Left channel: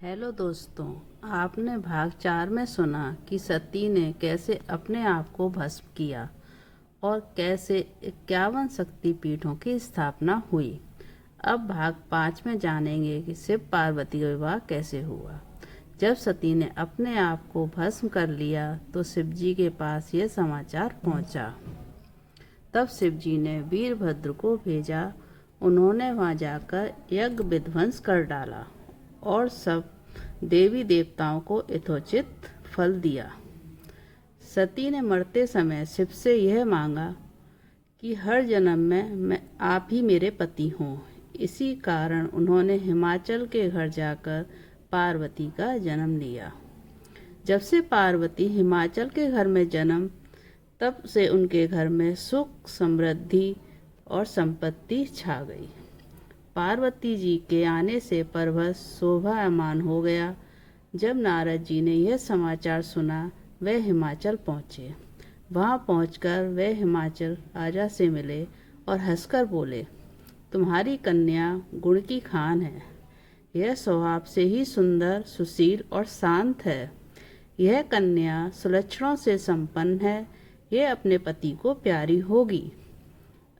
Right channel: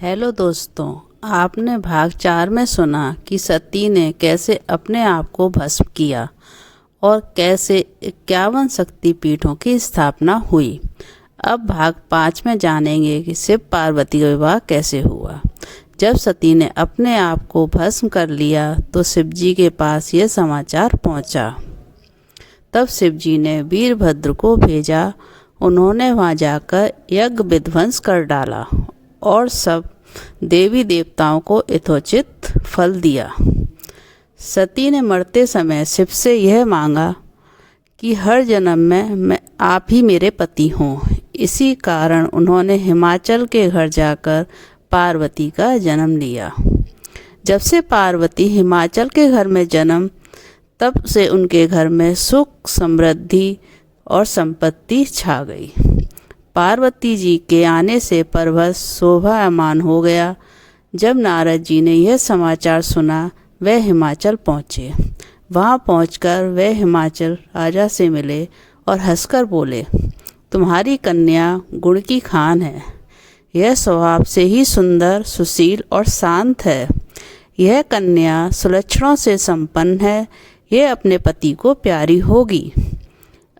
Hello दोस्तों। आपने भाग 4 में सुना कि सती ने कैसे अपने आप को भस्म किया और कैसे 51 शक्तिपीठों की स्थापना हुई। अब भाग 5 में जानेंगे कि शिव पार्वती का विवाह कैसे हुआ। जब सती ने अपने आप को भस्म कर लिया तो शिवजी के पास यह समाचार पहुंचा। तब शिवजी ने वीरभद्र को भेजा। उन्होंने वहां जाकर यज्ञ विध्वंस कर डाला और सब देवी देवताओं को यथोचित फल दिया। सती ने मरते समय शिव से यह मांगा कि हर जन्म में मैं आप ही मेरे पति हों। इसी कारण उन्होंने हिमाचल के घर जाकर पार्वती का जन्म लिया। जब से पार्वती हिमाचल के घर में जन्म, तब से उनके घर में सुख, समृद्धि और संपत्ति छा गई। पार्वती जी के आने से पर्वत शोभायमान हो गया। जब नारद जी ने यह समाचार सुना, वह हिमाचल पहुँचे। वहाँ पहुंचकर वे हिमाचल राजा से मिले और हंसकर बोले, तुम्हारी कन्या गुण की खान है। यह स्वभाव से ही सुंदर, सुशील और शांत है। यह कन्या सुलक्षणों से संपन्न है। यह अपने पति को प्यारी होगी।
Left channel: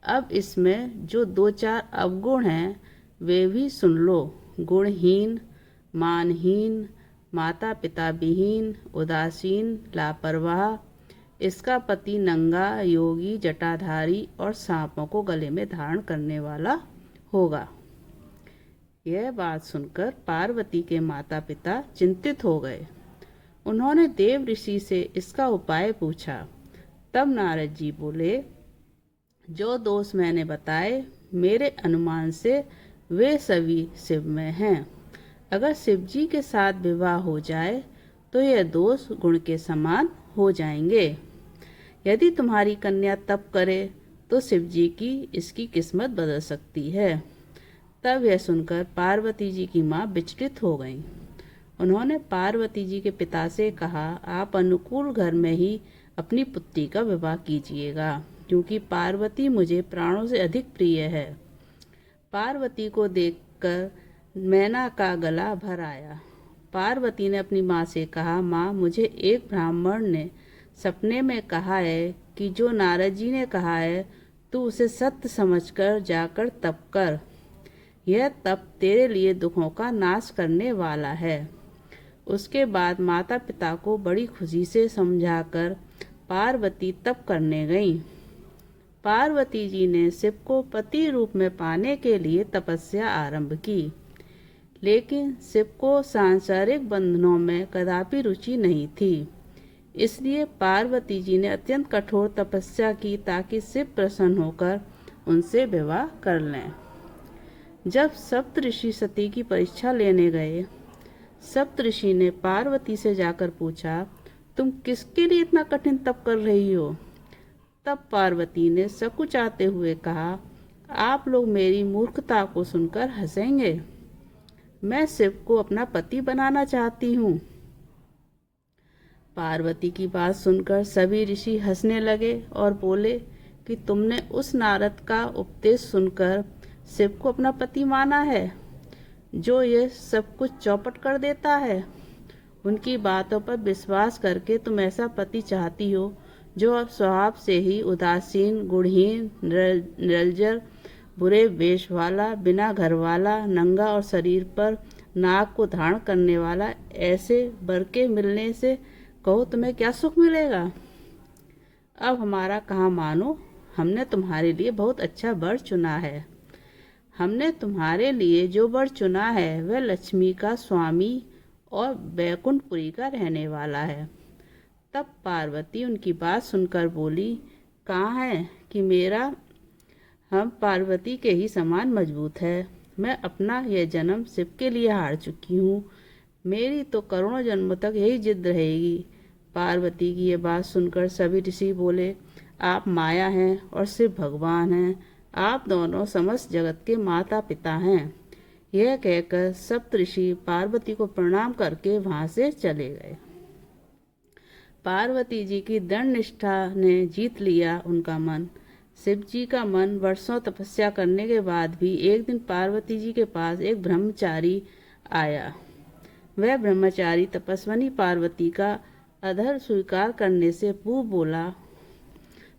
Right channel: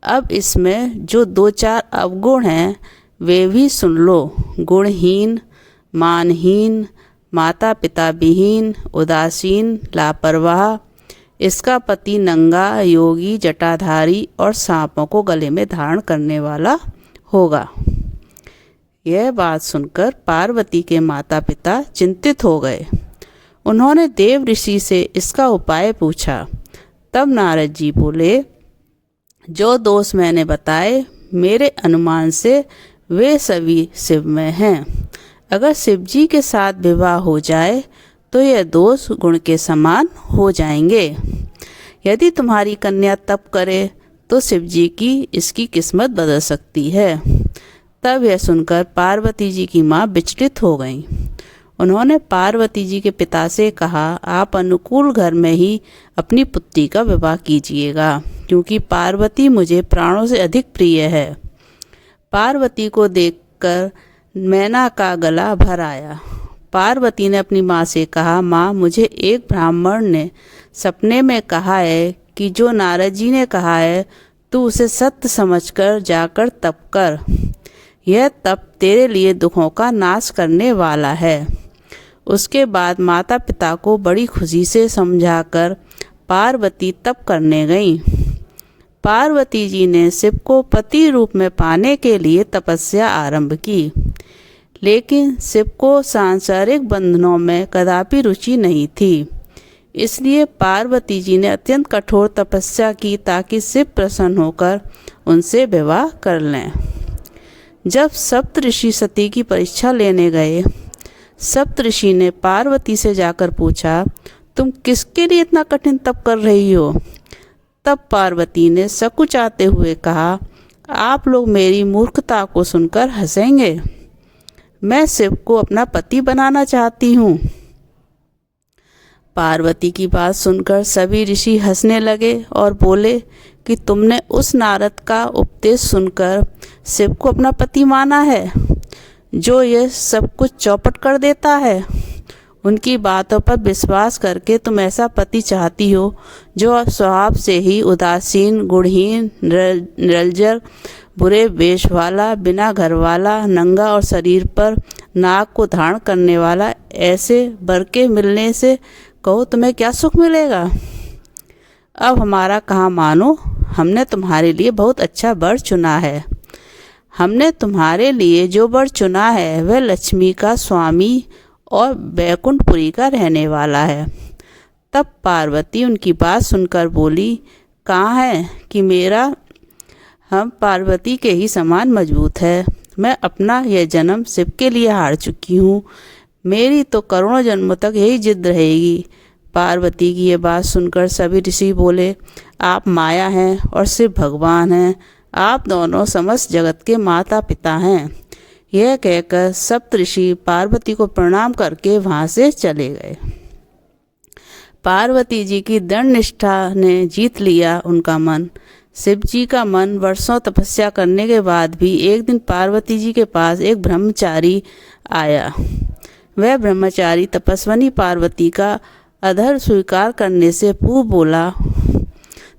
अब इसमें जो 2-4 अवगुण हैं वे भी सुन लो। गुणहीन, मानहीन, माता पिता विहीन, उदासीन, लापरवाह। इसका पति नंगा, योगी, जटाधारी और सांपों को गले में धारण करने वाला होगा। यह बात सुनकर पार्वती के माता पिता चिंतित हो गए। उन्होंने देव ऋषि से इसका उपाय पूछा। तब नारद जी बोले, जो दोष मैंने बताए मेरे अनुमान से वे सभी शिव में हैं। अगर शिव जी के साथ विवाह हो जाए तो यह दोष गुण के समान हो जाएंगे। यदि तुम्हारी कन्या तप करे तो शिव जी की इसकी किस्मत बदल सकती है। तब यह सुनकर पार्वती जी की माँ विचलित हो गईं। उन्होंने पार्वती जी के पिता से कहा, आप अनुकूल घर में ही अपनी पुत्री का विवाह कीजिएगा, क्योंकि पार्वती मुझे प्राणों से अधिक प्रिय है। पार्वती को देखकर मैना का गला भर आया। पार्वती ने अपनी माँ से कहा, माँ, मुझे एक ब्राह्मण ने सपने में कहा है कि जो नारद जी ने कहा है तू उसे सत्य समझकर जाकर तप कर। यह तप तेरे लिए दुखों का नाश करने वाला है। उसके बाद माता पिता को बड़ी खुशी से समझाकर पार्वती तप करने गईं। पार्वती जी ने शिव को पति रूप में पाने के लिए तपस्या आरंभ की, लेकिन शिव को सांसारिक बंधनों में कदापि रुचि नहीं थी। इसलिए पार्वती जी ने अत्यंत कठोर तपस्या की ताकि शिव प्रसन्न होकर उनसे विवाह कर लें। जब सप्तऋषि सती की परीक्षा लेने गए, सप्तऋषि ने पार्वती से जाकर पूछा, तुम किसके लिए इतना कठिन तप कर रही हो? तब पार्वती ने सकुचाते हुए कहा, आप लोग मेरी मूर्खता को सुनकर हंसेंगे। मैं शिव को अपना पति बनाना चाहती हूँ। पार्वती की बात सुनकर सभी ऋषि हंसने लगे और बोले कि तुमने उस नारद का उपदेश सुनकर शिव को अपना पति माना है, जो यह सब कुछ चौपट कर देता है। उनकी बातों पर विश्वास करके तुम ऐसा पति चाहती हो जो स्वभाव से ही उदासीन, गुणहीन, निरंजन, बुरे वेश वाला, बिना घर वाला, नंगा और शरीर पर नाग को धारण करने वाला। ऐसे वर के मिलने से कहो तुम्हें क्या सुख मिलेगा? अब हमारा कहाँ मानो, हमने तुम्हारे लिए बहुत अच्छा वर चुना है। हमने तुम्हारे लिए जो वर चुना है वह लक्ष्मी का स्वामी और बैकुंठपुरी का रहने वाला है। तब पार्वती उनकी बात सुनकर बोली, कहाँ है कि मेरा हम पार्वती के ही समान मजबूत है। मैं अपना यह जन्म शिव के लिए हार चुकी हूँ। मेरी तो करोड़ों जन्मों तक यही जिद रहेगी। पार्वती की यह बात सुनकर सभी ऋषि बोले, आप माया हैं और शिव भगवान हैं। आप दोनों समस्त जगत के माता पिता हैं। यह कहकर सप्तऋषि पार्वती को प्रणाम करके वहाँ से चले गए। पार्वती जी की दृढ़ निष्ठा ने जीत लिया उनका मन। शिव जी का मन वर्षों तपस्या करने के बाद भी एक दिन पार्वती जी के पास एक ब्रह्मचारी आया। वह ब्रह्मचारी तपस्विनी पार्वती का अधर स्वीकार करने से पूर्व बोला,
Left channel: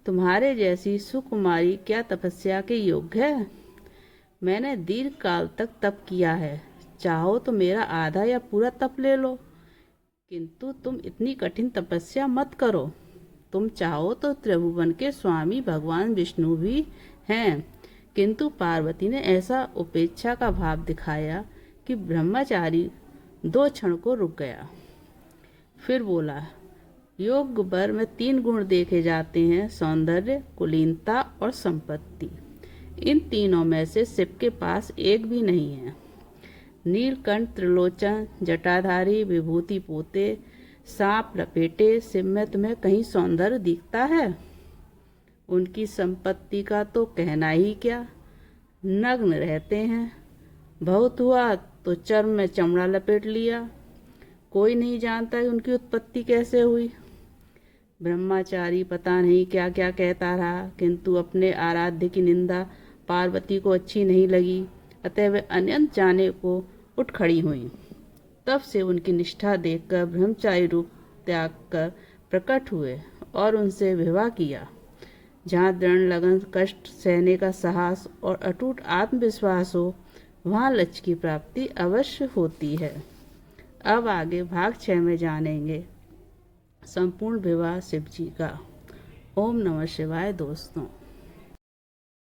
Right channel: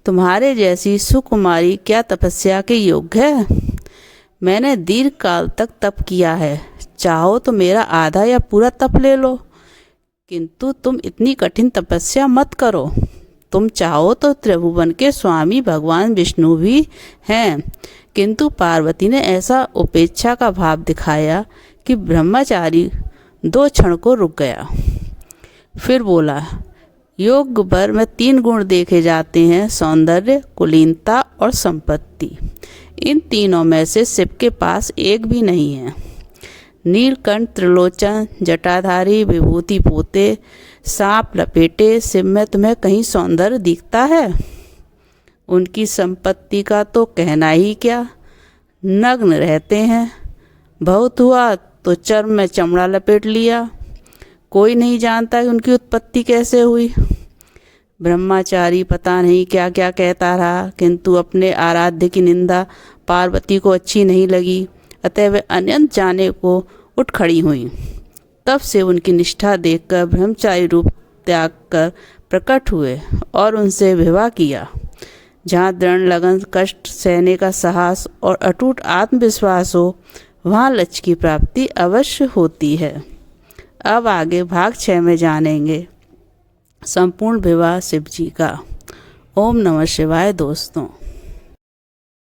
तुम्हारे जैसी सुकुमारी क्या तपस्या के योग्य है? मैंने दीर्घ काल तक तप किया है, चाहो तो मेरा आधा या पूरा तप ले लो, किंतु तुम इतनी कठिन तपस्या मत करो। तुम चाहो तो त्रिभुवन के स्वामी भगवान विष्णु भी हैं। किंतु पार्वती ने ऐसा उपेक्षा का भाव दिखाया कि ब्रह्मचारी 2 क्षण को रुक गया। फिर बोला, योग वर में 3 गुण देखे जाते हैं, सौंदर्य, कुलीनता और संपत्ति। इन तीनों में से शिव के पास एक भी नहीं है। नीलकंठ, त्रिलोचन, जटाधारी, विभूति पोते, सांप लपेटे शिव में तुम्हें कहीं सौंदर्य दिखता है? उनकी संपत्ति का तो कहना ही क्या, नग्न रहते हैं। बहुत हुआ तो चर्म में चमड़ा लपेट लिया। कोई नहीं जानता कि उनकी उत्पत्ति कैसे हुई। ब्रह्मचारी पता नहीं क्या क्या कहता रहा, किंतु अपने आराध्य की निंदा पार्वती को अच्छी नहीं लगी, अतः वे अनंत जाने को उठ खड़ी हुई। तब से उनकी निष्ठा देखकर ब्रह्मचारी रूप त्याग कर प्रकट हुए और उनसे विवाह किया। जहाँ दृढ़ लगन, कष्ट सहने का साहस और अटूट आत्मविश्वास हो, वहाँ लक्ष्य की प्राप्ति अवश्य होती है। अब आगे भाग 6 में जानेंगे संपूर्ण विवाह शिव जी का। ओम नमः शिवाय दोस्तों।